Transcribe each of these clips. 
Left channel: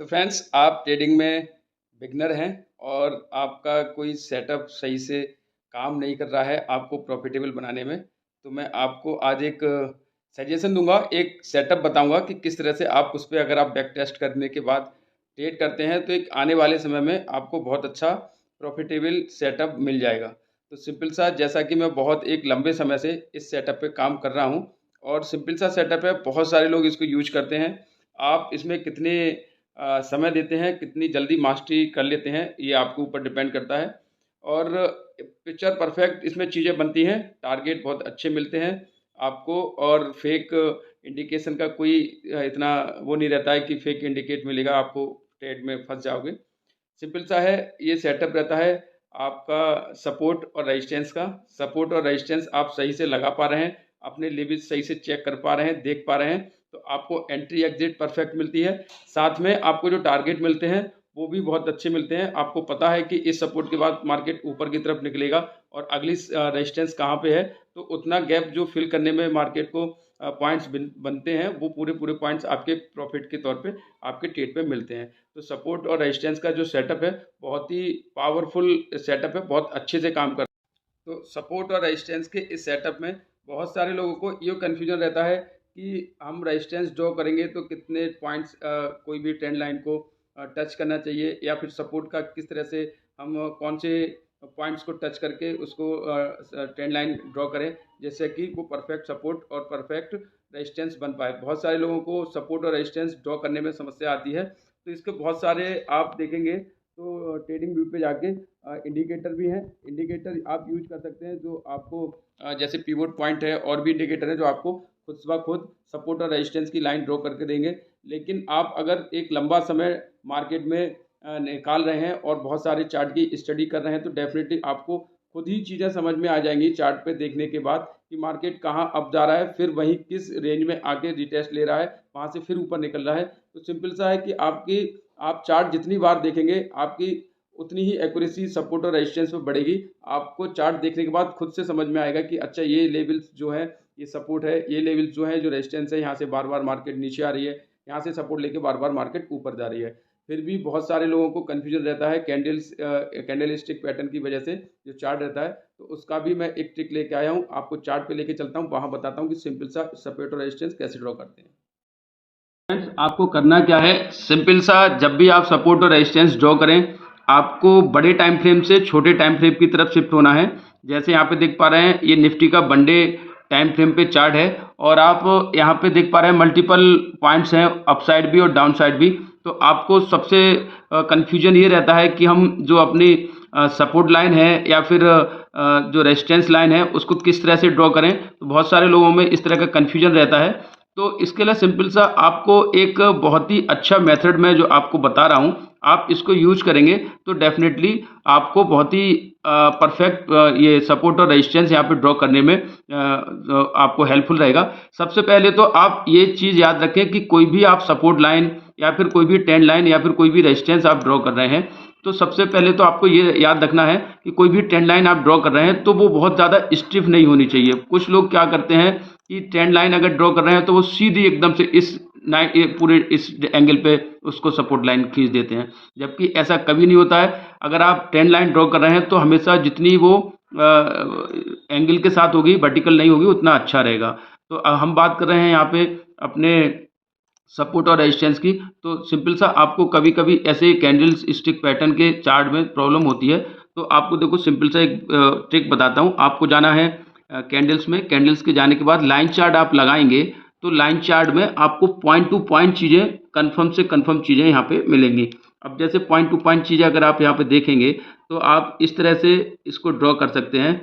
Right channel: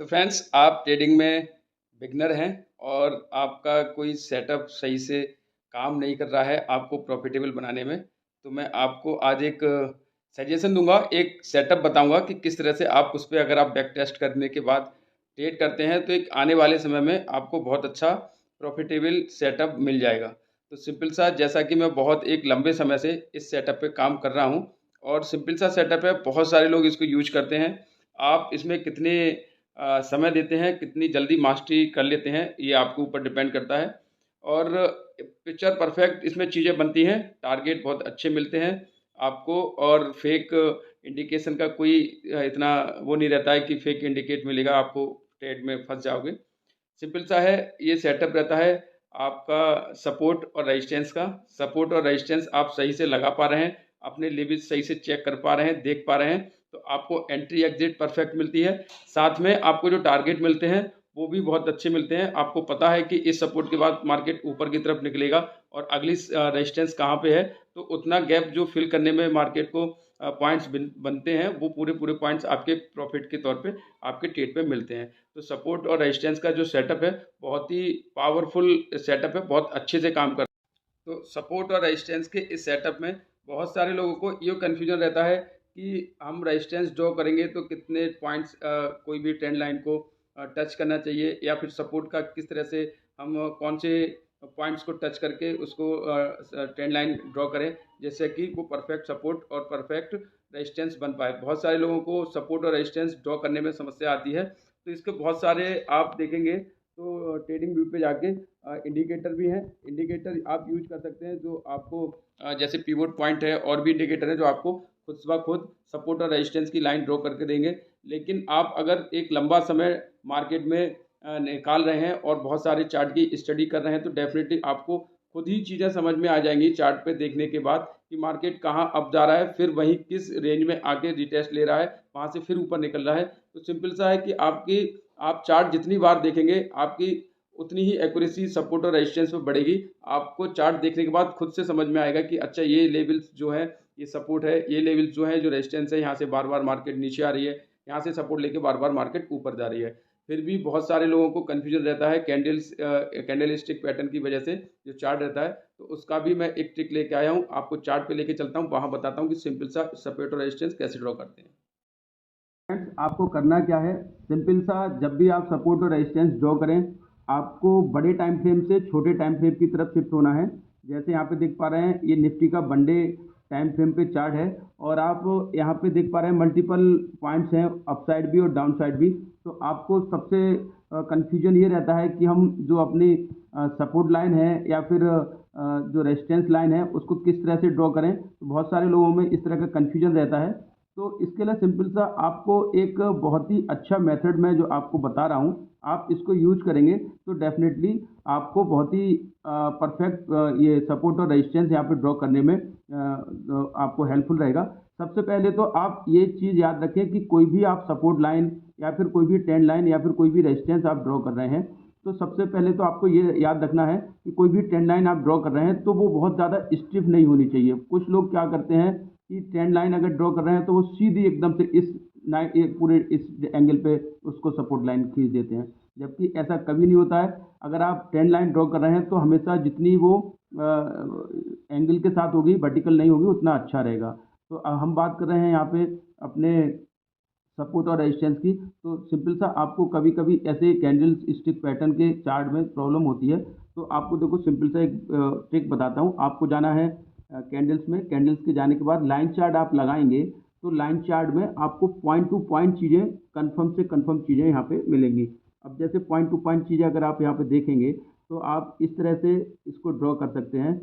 तो फ्रेंड्स, आप ट्रेडिंग में बिगिनर हैं और आपका कोई सेटअप सही से काम नहीं कर रहा है आपको प्रॉफ़िटेबल बनाने में, तो मैं आपको आज एक सजेशन दूँगा, एक सेटअप बताऊँगा कि किस तरह से आप उस पे अगर आप बैक टेस्ट करने के बाद ट्रेड करते हैं, तो एक आने वाले समय में आपको बहुत अच्छा प्रॉफ़िटेबल सेटअप मिल जाएगा। तो सिंपल सा जैसा कि मैं बहुत एक लंबे समय से इस सेटअप पे काम कर रहा हूँ और सिंपल सा सेटअप है, बहुत सारे लोग इसको यूज़ करते हैं। आप इसमें कितने समय देते हैं, कितनी जल्दी मास्टरी कर लेते हैं, ये आपके ऊपर डिपेंड करता है। और पिक्चर परफेक्ट इसमें चीज़ें बनती हैं, टारगेट बहुत अच्छे मिलते हैं आपको और फेक इंडिकेशन का कोई इतना वो नहीं रहता है कि फेक इंडिकेट मिलेगा, आपको ट्रेड में फँस जाओगे। सिंपल सा है, ये सेटअप रहता है आपका सपोर्ट और रेजिस्टेंस का। सपोर्ट और रेजिस्टेंस आप सही से लगा पा रहे हैं, अपने लेवल्स सही से चेक कर पा रहे हैं, देख पा रहे हैं, तो आपको एंट्री एग्ज़िट परफेक्ट मिलती है। साथ में आपको जो टारगेट मिलते हैं, वो भी बहुत अच्छे मिलते हैं। आपको पता है कि इस सपोर्ट के बाद मार्केट ऊपर की तरफ निकलेगा और अगली रेजिस्टेंस कहाँ पे है, तो उतना गैप जो फिल करने में मार्केट को पॉइंट्स बनते हैं, वो पूरे-पूरे पॉइंट्स आपके प्रॉफ़िट के तौर पे आपके ट्रेड पे मिलते हैं। तो सपोर्ट और रेजिस्टेंस का जो सेटअप है, बहुत ही पावरफुल सेटअप है, बहुत अच्छे से काम कर तो सपोर्ट और रेजिस्टेंस के इस सेटअप में बहुत सारे लोगों को ये कन्फ्यूजन रहता है कि हम रेजिस्टेंस ड्रॉ करेंगे तो कितने पॉइंट्स कोई भी ट्रेंड लाइन को टच करना चाहिए या फिर सपोर्ट का किस तरह से हम कौन से पॉइंट्स को टच करके उसको ट्रेंड लाइन ड्रॉ करें जिससे कि वो परफेक्ट सपोर्ट और परफेक्ट रेजिस्टेंस बन पाए। बहुत सारे लोगों को सपोर्ट और रेजिस्टेंस ड्रॉ करने में समस्या आती है, तो इसके बहुत सारे आप देखेंगे तो ट्रेडिंग व्यू पे जाके इंडिकेटर भी हैं। इंडिकेटर आप यूज़ कर सकते हैं जो आपको जैसे पिवोट पॉइंट है और भी इंडिकेटर है जो आपको खुद ब खुद सपोर्ट और रेजिस्टेंस की लाइन ड्रॉ करके देंगे। लेकिन आप अगर एक लंबा समय मार्केट में निकाल रहे हैं और बहुत सारे चार्ट की स्टडी कर रहे हैं तो डेफ़िनेटली आपको खुद ही चीज़ें समझ में आ जाएँगी चार्ट पे देखने के बाद कि मार्केट कहाँ अप जा रहा है, फिर वहीं किस रेंज में आके रिटेस्ट ले रहा है, वहाँ से फिर ऊपर निकल रहा है। तो सिंपल सा है कि आप चार्ट जितनी बार देखेंगे, आपकी उतनी ही एक्यूरेसी सपोर्ट और रेजिस्टेंस पे बढ़ेगी। आपको चार्ट देखने के बाद खुद से समझ में आएगा कि अच्छा ये लेवल्स जो हैं, ये सपोर्ट है, ये लेवल्स जो हैं, जो रेजिस्टेंस है, यहाँ से बार-बार मार्केट नीचे आ रही है, यहाँ से सपोर्ट लेके बार-बार मार्केट ऊपर जा रही है। फिर भी बहुत सारे लोगों को कन्फ्यूजन रहता है कैंडल स्टिक पैटर्न की वजह से जो चार्ट रहता है, तो उसका भी मैं एक ट्रिक लेके आया हूँ, आपको चार्ट पे लेके चलता हूँ, वहाँ बताता हूँ कि सिंपल सा सपोर्ट और रेजिस्टेंस कैसे ड्रॉ करते हैं। फ्रेंड्स, आपको करना क्या है, सिंपल सा जब भी आप सपोर्ट और रेजिस्टेंस ड्रॉ करें, आपको बड़े टाइम फ्रेम से छोटे टाइम फ्रेम की तरफ शिफ्ट होना है। जैसे यहाँ पे देख पा रहे हैं, ये निफ्टी का वन डे टाइम फ्रेम पे चार्ट है और आप यहाँ पे देख पा रहे हैं मल्टीपल पॉइंट्स हैं, अपसाइड भी और डाउन साइड भी। तो आपको सबसे कन्फ्यूजन ये रहता है कि हम जो अपनी सपोर्ट लाइन है या फिर जो रेजिस्टेंस लाइन है, उसको किस तरह से ड्रॉ करें। तो बहुत सारे लोगों में इस तरह का कन्फ्यूजन रहता है। तो इसके लिए सिंपल सा आपको एक बहुत ही अच्छा मेथड मैं जो आपको बता रहा हूँ, आप इसको यूज़ करेंगे तो डेफ़िनेटली आपको बहुत ही परफेक्ट ये सपोर्ट और रेजिस्टेंस यहाँ पे ड्रॉ करने में आपको हेल्पफुल रहेगा। सबसे पहले तो आप ये चीज़ याद रखें कि कोई भी आप सपोर्ट लाइन या फिर कोई भी ट्रेंड लाइन या फिर कोई भी रेजिस्टेंस आप ड्रॉ कर रहे हैं, तो सबसे पहले तो आपको ये याद रखना है कि कोई भी ट्रेंड लाइन आप ड्रॉ कर रहे हैं, तो वो बहुत ज़्यादा स्टिफ नहीं होनी चाहिए। कुछ लोग क्या करते हैं कि ट्रेंड लाइन अगर ड्रॉ कर रहे हैं तो वो सीधी एकदम से पूरे इस एंगल पे उसको सपोर्ट लाइन खींच देते हैं, जबकि ऐसा कभी नहीं होता है। अगर आप ट्रेंड लाइन ड्रॉ कर रहे हैं तो हमेशा जितनी वो एंगल के साथ होगी, वर्टिकल नहीं होगी, उतना अच्छा रहेगा। तो हम बात कर रहे हैं यहाँ पे अपने सपोर्ट और रेजिस्टेंस की। तो सिंपल सा आपको कभी कभी ऐसे कैंडल्स स्टिक पैटर्न के चार्ट में प्रॉब्लम होती है, तो आपको देखो सिंपल सा एक ट्रिक बताता हूँ। आपको जाना है कैंडल्स में, कैंडल्स के जाने के बाद लाइन चार्ट आप लगाएंगे, तो लाइन चार्ट में आपको पॉइंट टू पॉइंट चीज़ें, कन्फर्म से कन्फर्म चीज़ें यहाँ पे मिलेंगी। अब जैसे पॉइंट टू पॉइंट चीज़ें अगर आप यहाँ पे देखेंगे तो आप इस तरह से इसको ड्रॉ कर सकते हैं।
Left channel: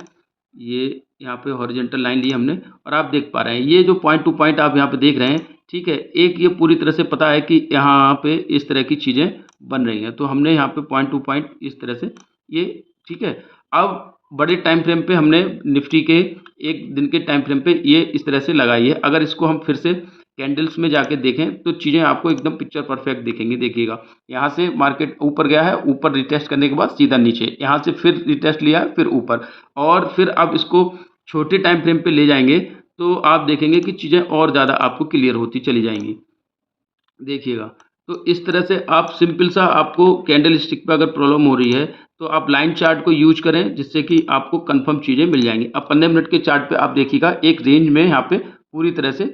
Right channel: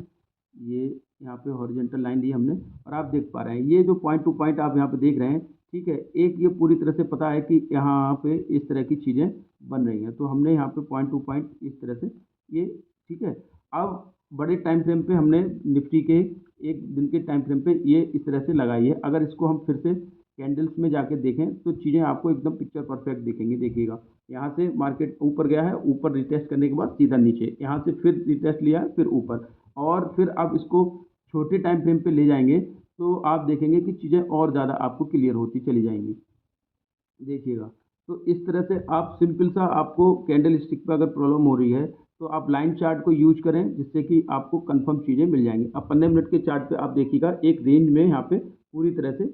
ये यहाँ पे हॉरिजॉन्टल लाइन ली हमने और आप देख पा रहे हैं ये जो पॉइंट टू पॉइंट आप यहाँ पे देख रहे हैं, ठीक है। एक ये पूरी तरह से पता है कि यहाँ पे इस तरह की चीज़ें बन रही हैं, तो हमने यहाँ पे पॉइंट टू पॉइंट इस तरह से ये, ठीक है। अब बड़े टाइम फ्रेम पे हमने निफ्टी के एक दिन के टाइम फ्रेम पे ये इस तरह से लगाई है। अगर इसको हम फिर से कैंडल्स में जाके देखें तो चीज़ें आपको एकदम पिक्चर परफेक्ट दिखेंगी। देखिएगा, यहाँ से मार्केट ऊपर गया है, ऊपर रिटेस्ट करने के बाद सीधा नीचे, यहाँ से फिर रिटेस्ट लिया, फिर ऊपर, और फिर आप इसको छोटे टाइम फ्रेम पे ले जाएंगे तो आप देखेंगे कि चीज़ें और ज़्यादा आपको क्लियर होती चली जाएंगी। देखिएगा, तो इस तरह से आप सिंपल सा, आपको कैंडल स्टिक पे अगर प्रॉब्लम हो रही है तो आप लाइन चार्ट को यूज करें, जिससे कि आपको कंफर्म चीज़ें मिल जाएंगी। अब 15 मिनट के चार्ट पे आप देखिएगा एक रेंज में यहाँ पे पूरी तरह से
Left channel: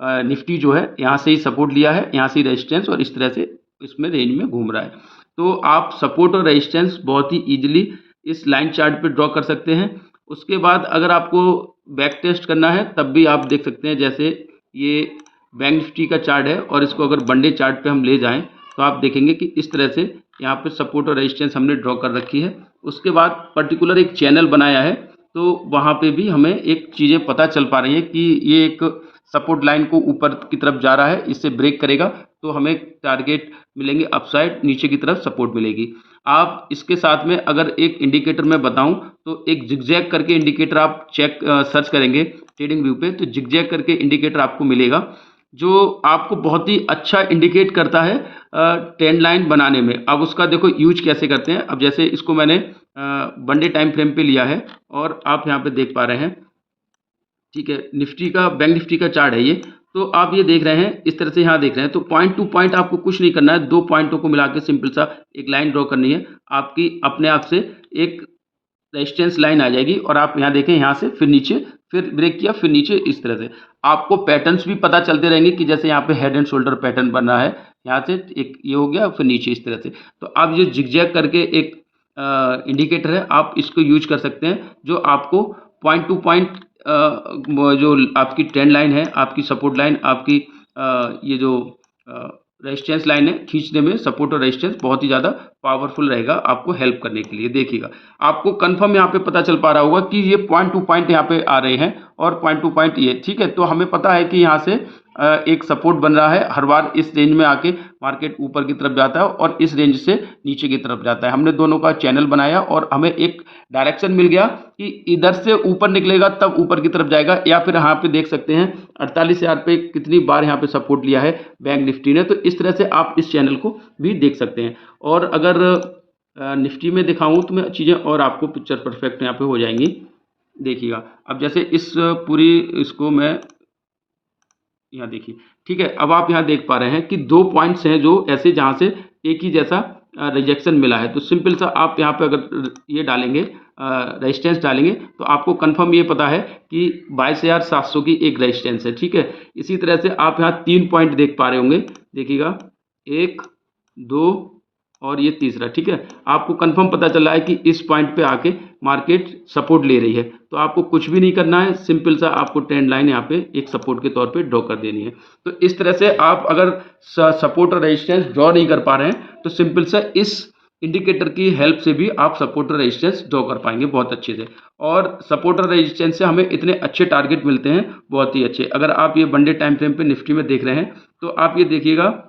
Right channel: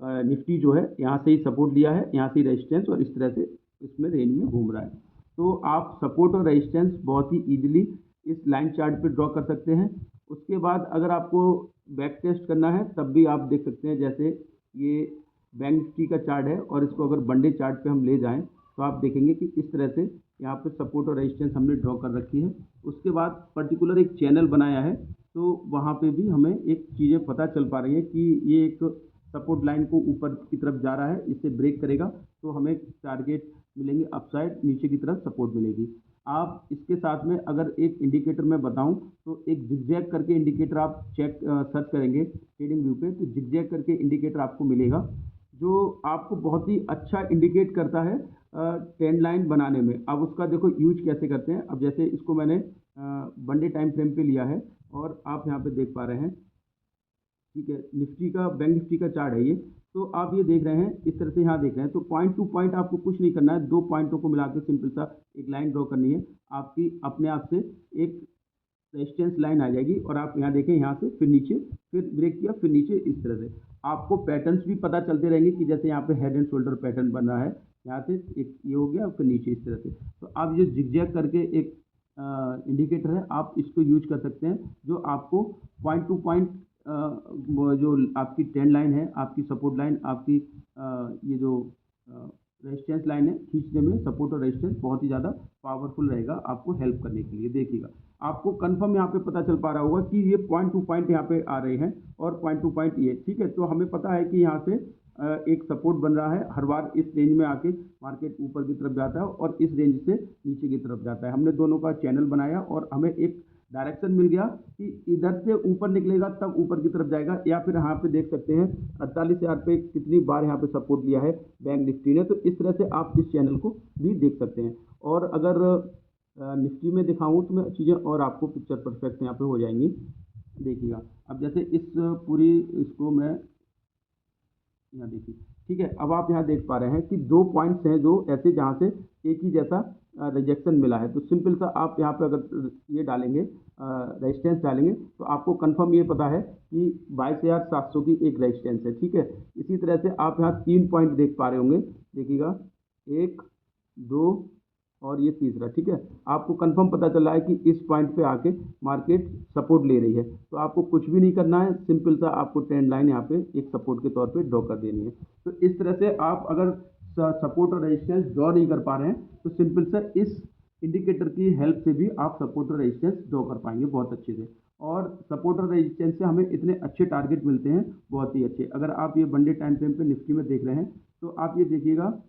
निफ्टी जो है यहाँ से ही सपोर्ट लिया है, यहाँ से ही रेजिस्टेंस, और इस तरह से इसमें रेंज में घूम रहा है। तो आप सपोर्ट और रेजिस्टेंस बहुत ही ईजिली इस लाइन चार्ट पे ड्रॉ कर सकते हैं। उसके बाद अगर आपको बैक टेस्ट करना है तब भी आप देख सकते हैं, जैसे ये बैंक निफ्टी का चार्ट है और इसको अगर वन डे चार्ट पे हम ले जाएं तो आप देखेंगे कि इस तरह से यहाँ पे सपोर्ट और रेजिस्टेंस हमने ड्रॉ कर रखी है। उसके बाद पर्टिकुलर एक चैनल बनाया है, तो वहाँ पे भी हमें एक चीज़ें पता चल पा रही है कि ये एक सपोर्ट लाइन को ऊपर की तरफ जा रहा है, इससे ब्रेक करेगा तो हमें टारगेट मिलेंगे अपसाइड, नीचे की तरफ सपोर्ट मिलेगी। आप इसके साथ में अगर एक इंडिकेटर मैं बताऊं तो एक जिगजैग करके इंडिकेटर आप सर्च करेंगे ट्रेडिंग व्यू पे, तो जिगजैग करके इंडिकेटर आपको मिलेगा जो आपको बहुत ही अच्छा इंडिकेट करता है ट्रेंड लाइन बनाने में। अब उसका देखो यूज कैसे करते हैं। अब जैसे इसको मैंने वन डे टाइम फ्रेम पे लिया है और आप यहाँ पे देख पा रहे हैं, ठीक है, निफ्टी का, बैंक निफ्टी का चार्ट है ये। तो आप ये देख रहे हैं, इस तरह से यहाँ देख रहे हैं, तो पॉइंट टू पॉइंट आपको कुछ नहीं करना है, दो पॉइंटों को मिला के सिंपल सा एक लाइन ड्रॉ करनी है, आपकी अपने आप से एक रेजिस्टेंस लाइन आ जाएगी। और आप यहाँ देखें, यहाँ से फिर नीचे, फिर ब्रेक किया, फिर नीचे, इस तरह से आपको पैटर्न्स भी पता चलते रहेंगे कि जैसे यहाँ पे हेड एंड शोल्डर पैटर्न बन रहा है, यहाँ से एक ये हो गया, फिर नीचे इस तरह से। तो आप ये जिगजैग करके एक इंडिकेटर है, आप इसको यूज कर सकते हैं, जो आपको पॉइंट टू पॉइंट जो आपकी ट्रेंड लाइन है, आपकी सपोर्ट लाइन, आपकी ये जो रेजिस्टेंस लाइन है, खींचने में सपोर्ट और रेजिस्टेंस बहुत ही ज़्यादा पावरफुल रहेगा आपको हेल्प करने के लिए। देखिएगा आपको कंफर्म यहाँ पे पता चल पा रहा होगा कि ये पॉइंट टू पॉइंट यहाँ पे आ रहे हैं और पॉइंट टू पॉइंट ये, ठीक है। तो हमें पता है कि यहाँ से एक सपोर्ट बन रहा है, हर बार इस रेंज में आके मार्केट ऊपर की तरफ जाता है और इस रेंज से नीचे की तरफ जाता है। हमने दोनों का चैनल बनाया और हमें एक डायरेक्शन मिल गया कि इधर से ऊपर निकलेगा तब ऊपर की तरफ जाएगा, या फिर यहाँ पे देख सकते हैं 48,000 पे कितनी बार यहाँ पे सपोर्ट लिया है बैंक निफ्टी ने। तो इस तरह से आप इस चैनल को भी देख सकते हैं। और अगर निफ्टी में दिखाऊं तो मैं चीज़ें और आपको पिक्चर परफेक्ट यहाँ पे हो जाएंगी। देखिएगा अब जैसे इस पूरी इसको मैं यहाँ देखिए, ठीक है। अब आप यहाँ देख पा रहे हैं कि दो पॉइंट्स हैं जो ऐसे, जहाँ से एक ही जैसा रिजेक्शन मिला है। तो सिंपल सा आप यहाँ पे अगर ये डालेंगे, रेजिस्टेंस डालेंगे, तो आपको कंफर्म ये पता है कि 22,700 की एक रेजिस्टेंस है, ठीक है। इसी तरह से आप यहाँ तीन पॉइंट देख पा रहे होंगे, देखिएगा, एक, दो और ये तीसरा, ठीक है। आपको कंफर्म पता चला है कि इस पॉइंट पे आके मार्केट सपोर्ट ले रही है, तो आपको कुछ भी नहीं करना है, सिंपल सा आपको ट्रेंड लाइन यहाँ पे एक सपोर्ट के तौर पे ड्रॉ कर देनी है। तो इस तरह से आप अगर सपोर्ट और रेजिस्टेंस ड्रॉ नहीं कर पा रहे हैं तो सिंपल सा इस इंडिकेटर की हेल्प से भी आप सपोर्ट और रेजिस्टेंस ड्रॉ कर पाएंगे बहुत अच्छे से। और सपोर्ट और रेजिस्टेंस से हमें इतने अच्छे टारगेट मिलते हैं, बहुत ही अच्छे। अगर आप ये वन डे टाइम फ्रेम पे निफ्टी में देख रहे हैं तो आप ये देखिएगा,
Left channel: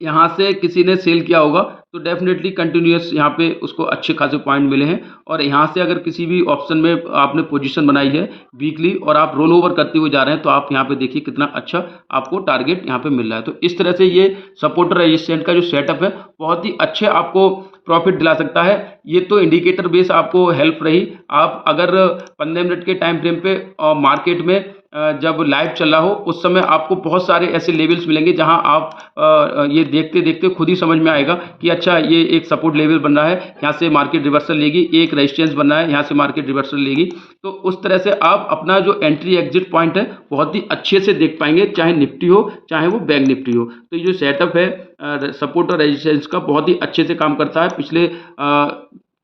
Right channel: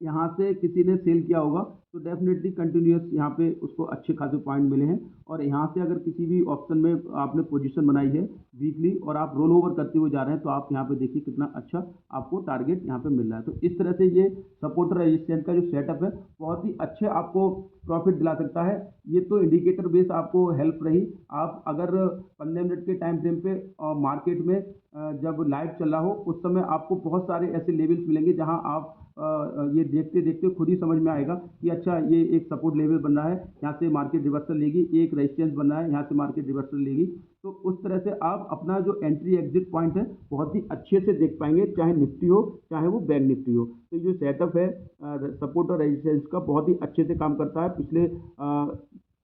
यहाँ से किसी ने सेल किया होगा तो डेफिनेटली कंटिन्यूअस यहाँ पे उसको अच्छे खासे पॉइंट मिले हैं। और यहाँ से अगर किसी भी ऑप्शन में आपने पोजीशन बनाई है वीकली और आप रोल ओवर करते हुए जा रहे हैं, तो आप यहाँ पे देखिए कितना अच्छा आपको टारगेट यहाँ पे मिल रहा है। तो इस तरह से ये सपोर्ट रेजिस्टेंस का जो सेटअप है बहुत ही अच्छे आपको प्रॉफिट दिला सकता है। ये तो इंडिकेटर बेस आपको हेल्प रही। आप अगर 15 मिनट के टाइम फ्रेम पे मार्केट में जब लाइव चल रहा हो उस समय आपको बहुत सारे ऐसे लेवल्स मिलेंगे जहां आप ये देखते देखते खुद ही समझ में आएगा कि अच्छा ये एक सपोर्ट लेवल बन रहा है, यहाँ से मार्केट रिवर्सल लेगी, एक रेजिस्टेंस बन रहा है, यहाँ से मार्केट रिवर्सल लेगी। तो उस तरह से आप अपना जो एंट्री एग्जिट पॉइंट है बहुत ही अच्छे से देख पाएंगे, चाहे निफ्टी हो चाहे वो बैंक निफ्टी हो। तो ये जो सेटअप है सपोर्ट और रेजिस्टेंस का बहुत ही अच्छे से काम करता है। पिछले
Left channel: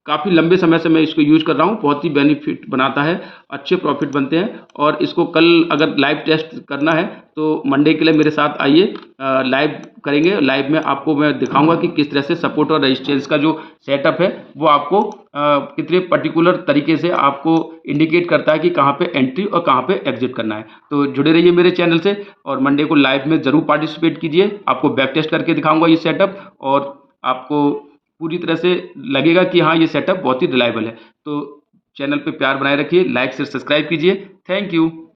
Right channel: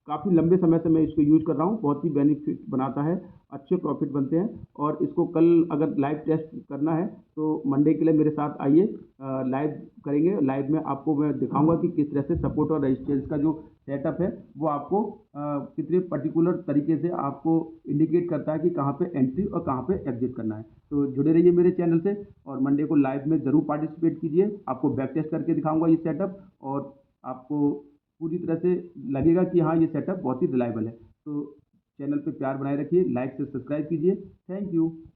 काफ़ी लंबे समय से मैं इसको यूज कर रहा हूँ, बहुत ही बेनिफिट बनाता है, अच्छे प्रॉफिट बनते हैं। और इसको कल अगर लाइव टेस्ट करना है तो मंडे के लिए मेरे साथ आइए, लाइव करेंगे। लाइव में आपको मैं दिखाऊंगा कि किस तरह से सपोर्ट और रेजिस्टेंस का जो सेटअप है वो आपको कितने पर्टिकुलर तरीके से आपको इंडिकेट करता है कि कहाँ पे एंट्री और कहाँ पे एग्जिट करना है। तो जुड़े रहिए मेरे चैनल से और मंडे को लाइव में ज़रूर पार्टिसिपेट कीजिए। आपको बैक टेस्ट करके दिखाऊंगा ये सेटअप और आपको पूरी तरह से लगेगा कि हाँ ये सेटअप बहुत ही रिलायबल है। तो चैनल पे प्यार बनाए रखिए, लाइक से सब्सक्राइब कीजिए। Thank you.